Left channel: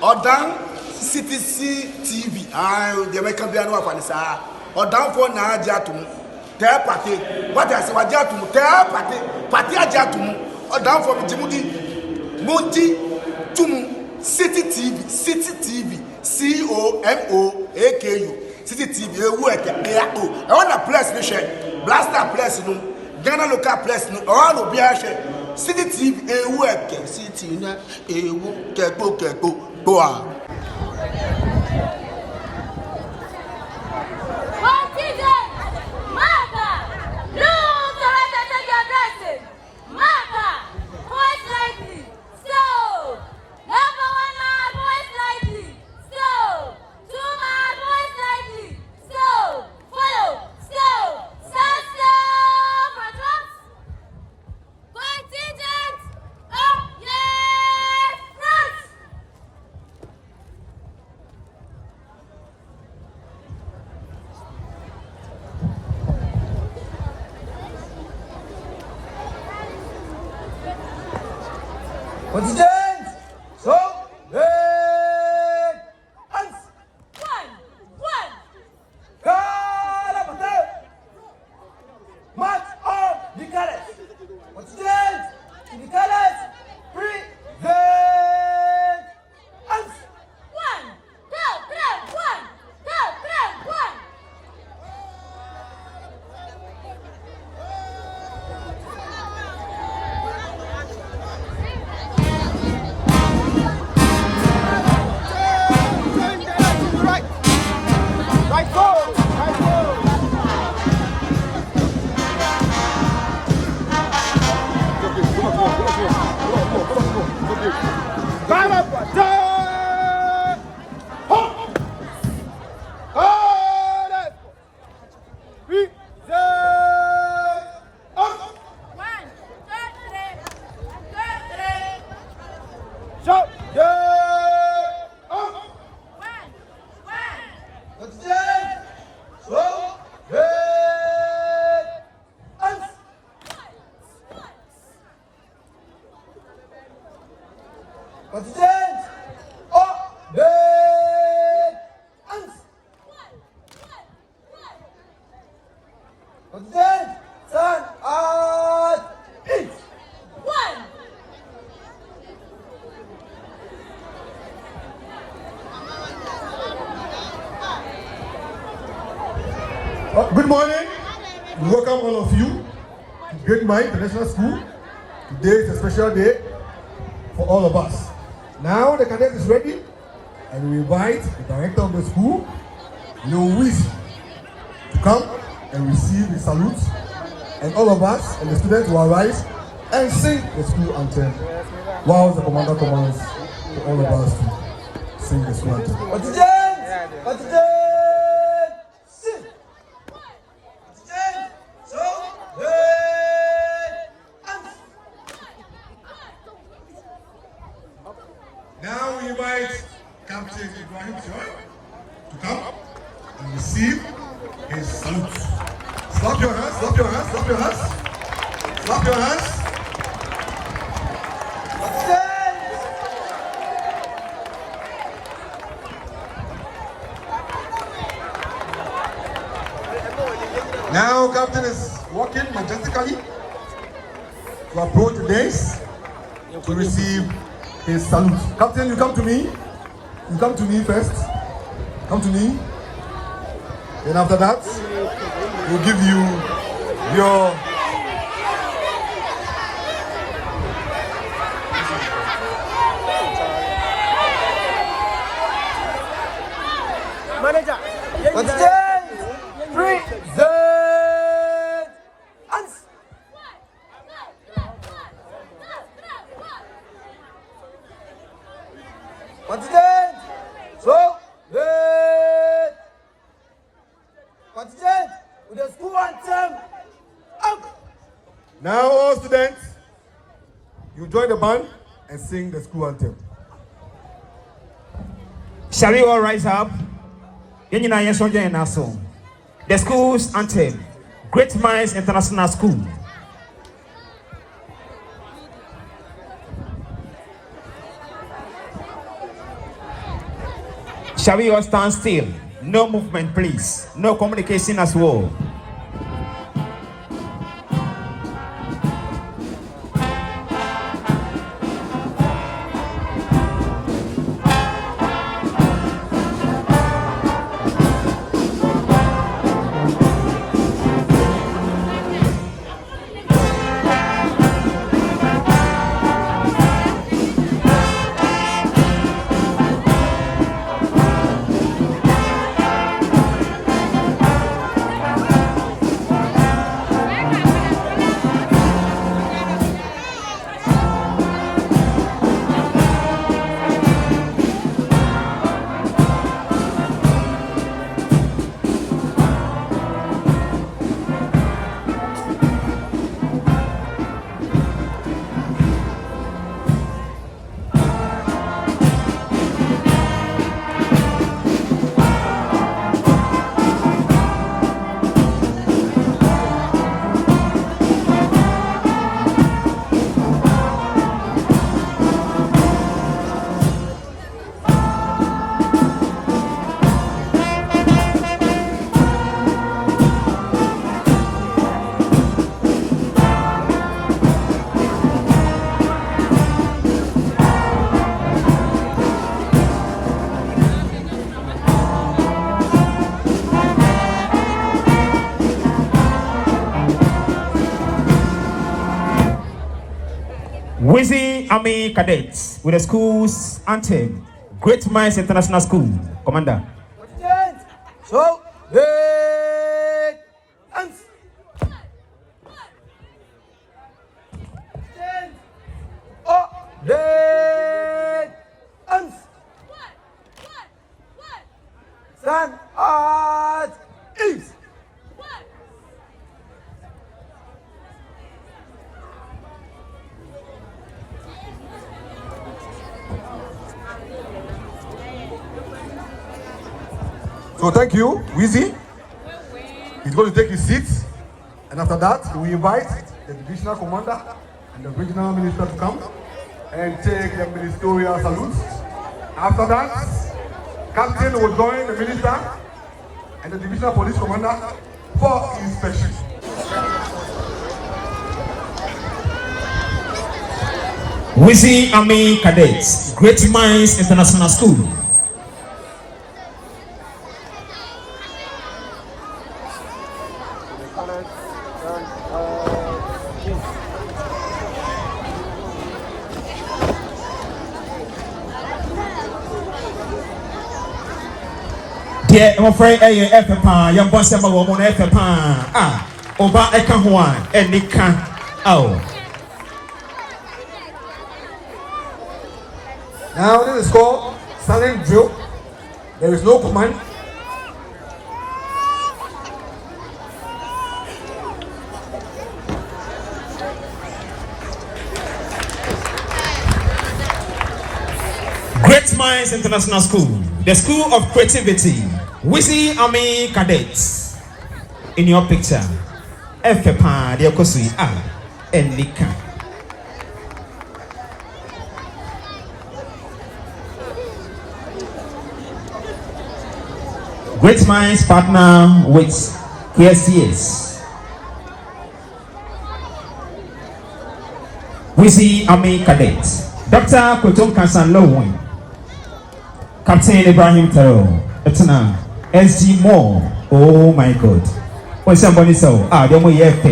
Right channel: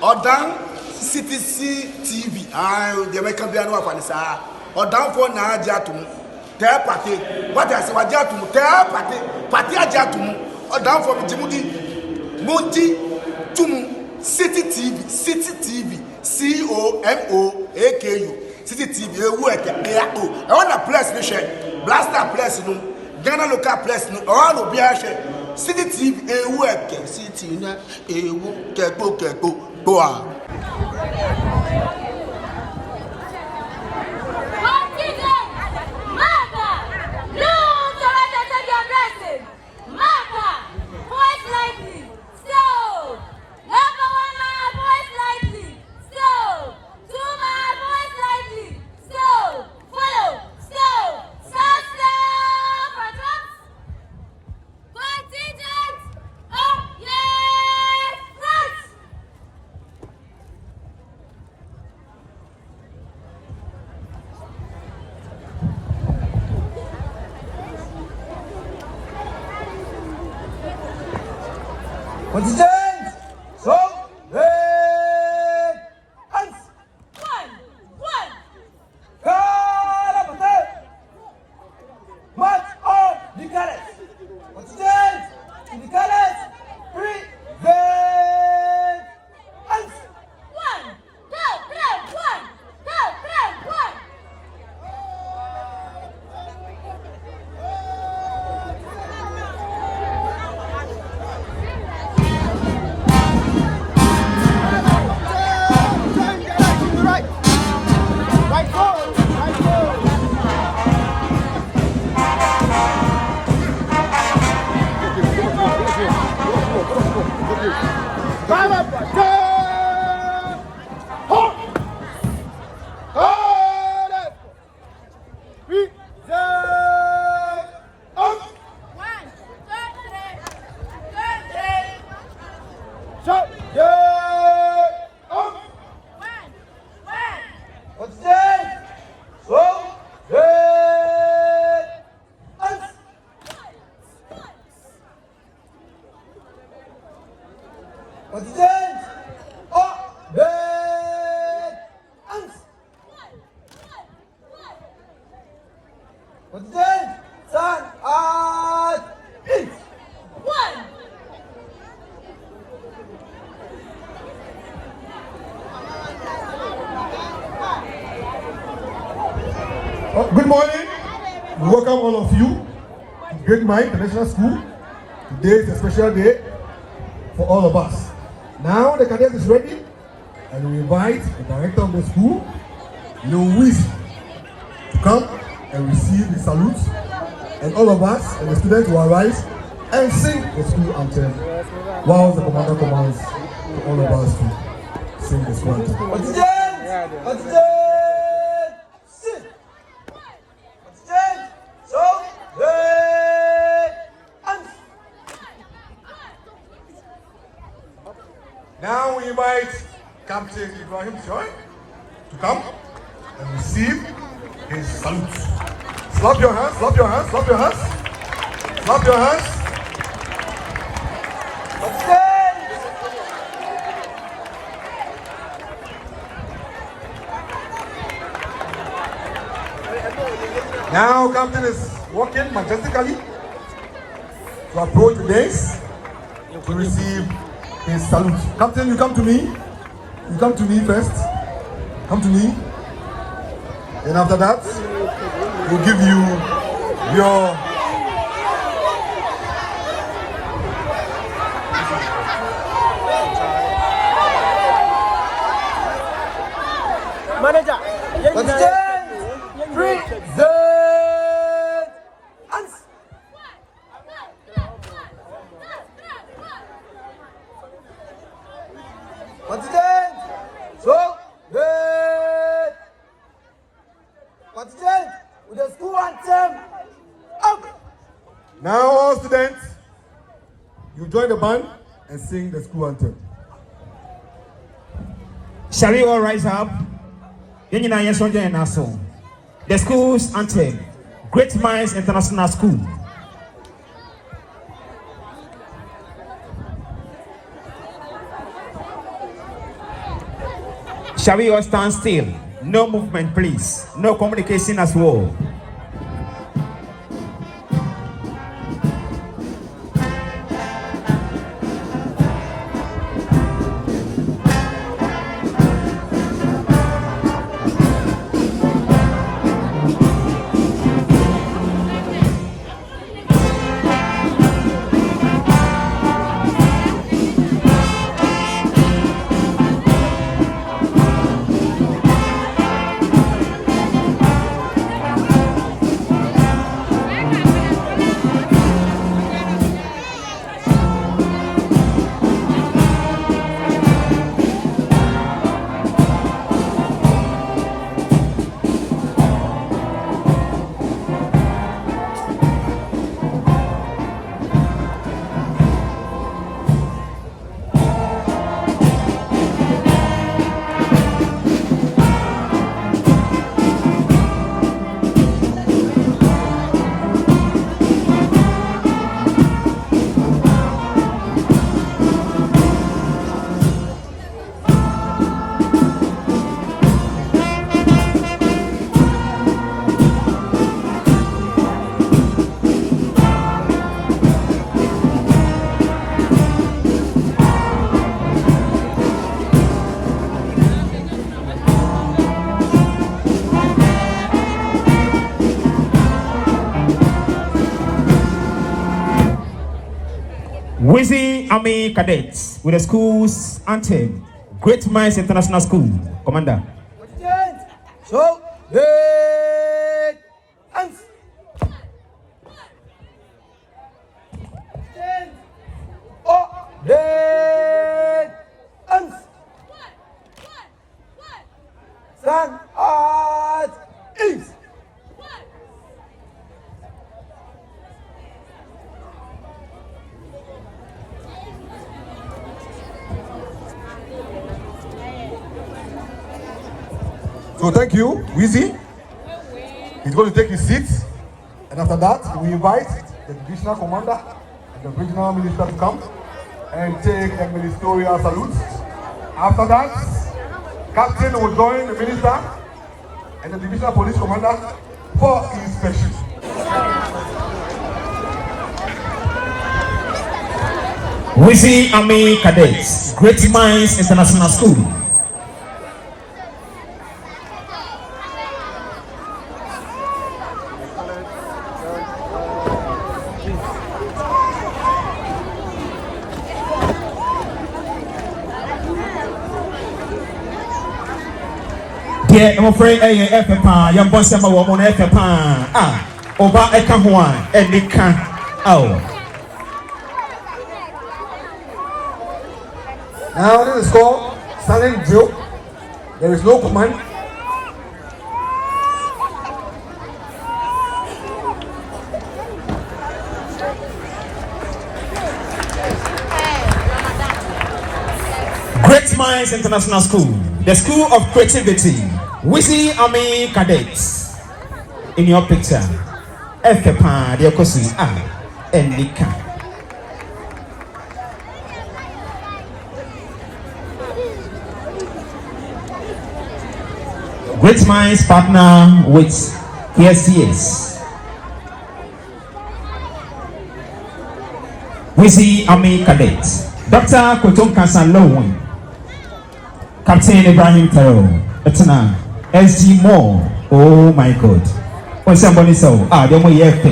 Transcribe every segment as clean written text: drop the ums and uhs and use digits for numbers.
Odan CTC TV. The American piano of Anissa. Odan for na Jatum. Tell party. What I say, what Jatum? Tell party Jatum. Odan for Jimudi. Monty Tum. City TV. COMOAKU. City TV. I want a place, Blaster place, no. Ghana local place, no. All of Biache. City TV, City, go on. Contingent! So, hands! One! Carabate! March on the Cadet! Contingent! In the Cadet! Present! Hands! One! Contingent! Hands! Contingent! Stand at each! One! Good morning. We welcome all of you to Great Mind International School. Today is a special day for all of us. Now the cadet is ready, and we invite the director of the school, Louis, to come and receive the salute, and all of us and the students will arise and sing the school anthem, while the commander commands to all of us to sing the school anthem. Contingent! Sing! Contingent! So, hands! Now we invite Captain Ibrahim Traore to come and receive his salute. Slap your hands, slap your hands, slap your hands. Slap your hands. Now Captain is walking majestically to approach the dais to receive his salute. Captain, you come to me. You come to me first. Come to me. And after that, we'll give you your manager. Contingent! Present! Hands! Contingent! So, contingent with the school anthem. Up! Now all students, you join the band and sing the school anthem. Shall we all rise up? The school's anthem, Great Minds International School. Shall we all stand still? No movement, please. No communication as well. Wizzy Army Cadets with the school's anthem, Great Minds International School. Commander. So, great hands. Oh, great hands. Stand at ease. So thank you, Wizzy. He's going to take his seat, and after that, we invite the divisional commander and the regional minister to come and take the ministerial salute. After that, captain will join the minister and the divisional police commander for inspection. Wizzy Army Cadets, Great Minds International School. Yeah, I'm afraid a FPA, young boss, I'm a woman FPA. Over a Kahuan, and it can. Oh. Now this is called silent drill. There is no command. Great Minds International School, the School of Creativity. Wizzy Army Cadets. In your picture, FPA, the Okosi, and Nika. Great Minds partner with KSCS. Wizzy Army Cadets. Dr. Kotom Kansan Lowin. Captain Ibrahim Traore Lil. SG Moore. Oh my God. What's somebody so? They're more F.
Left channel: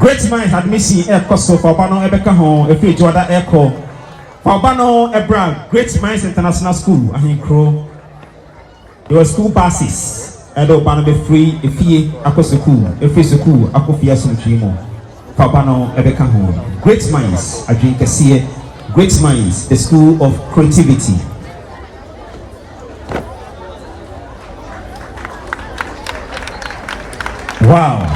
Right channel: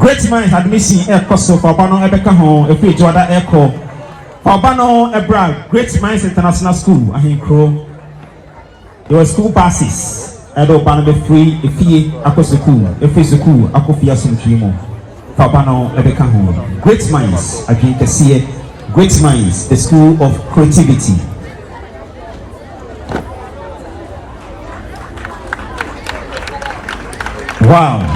Great Minds admission air cost for Bano Ebeka home, if you Jordan Echo. For Bano Ebra, Great Minds International School, Ahinkro. There were school buses. And Bano be free, if he across the school, if it's a cool, Akofia Sumtrimo. For Bano Ebeka home. Great Minds, I drink a see. Great Minds, the School of Creativity. Wow.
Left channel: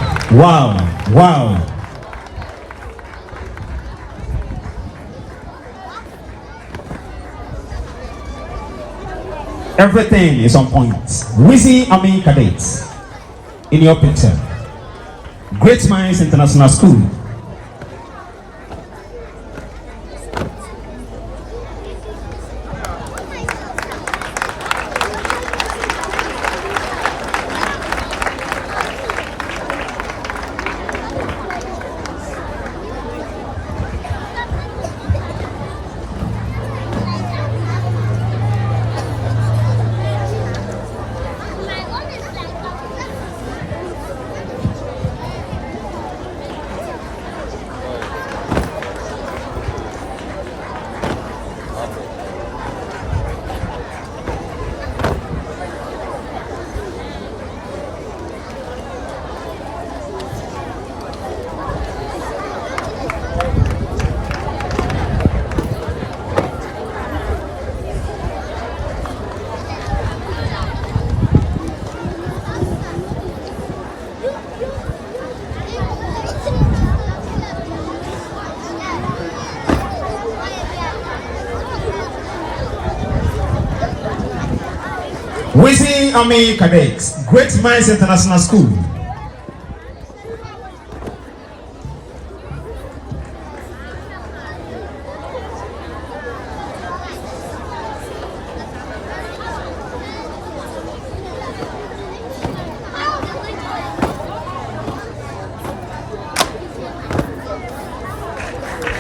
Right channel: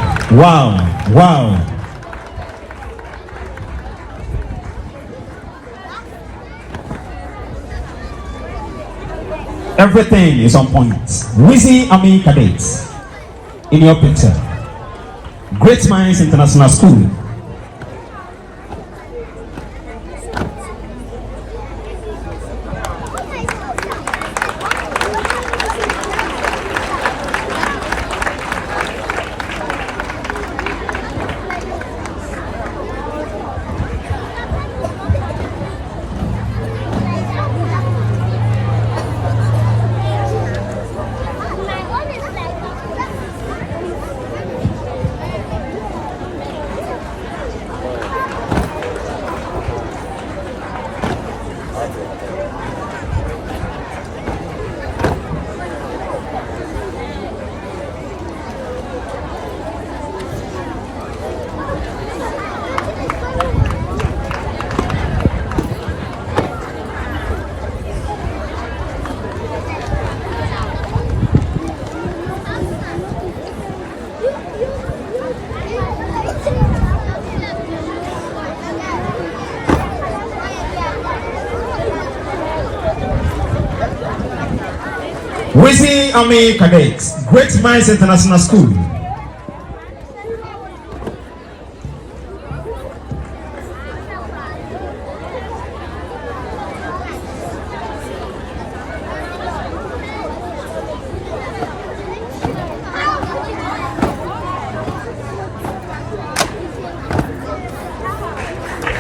Everything is on point. Wizzy Ami Cadet in your picture. Great Minds International School. Wizzy Ami Cadet, Great Minds International School.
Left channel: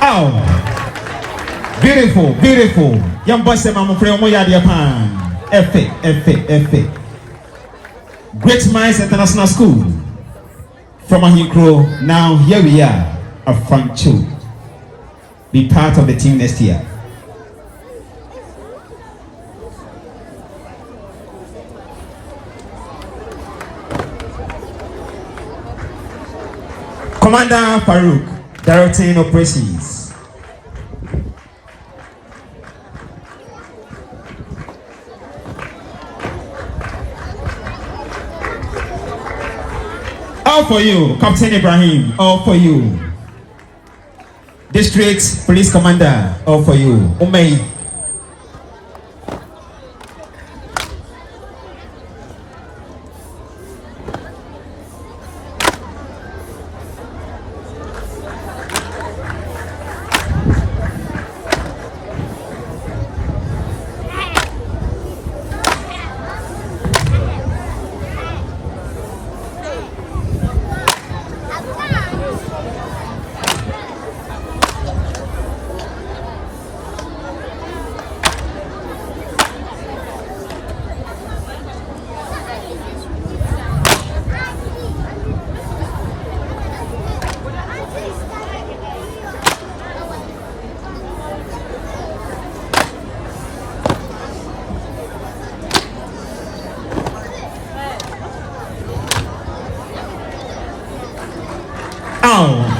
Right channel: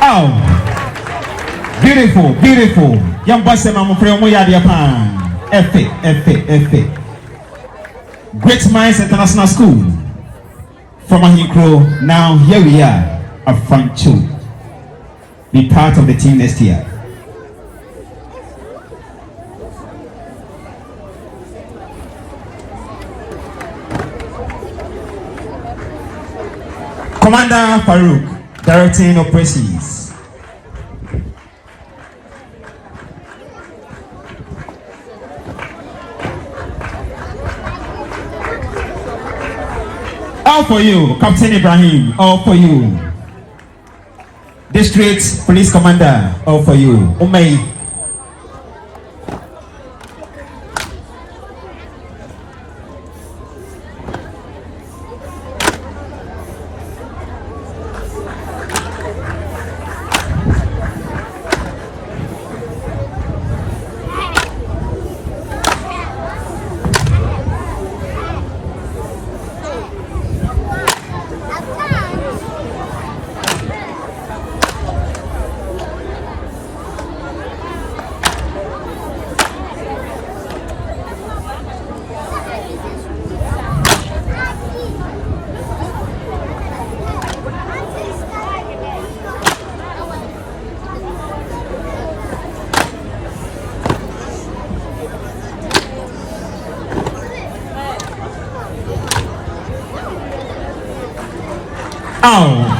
Oh, beautiful, beautiful. Young boy said, "I'm afraid we are the pan." F. Great Minds International School from Ahinkro. Now here we are at Fancho. Be part of the team next year. Commander Farouk, directing operations. All for you, Captain Ibrahim, all for you. District Police Commander, all for you. Umay. Oh.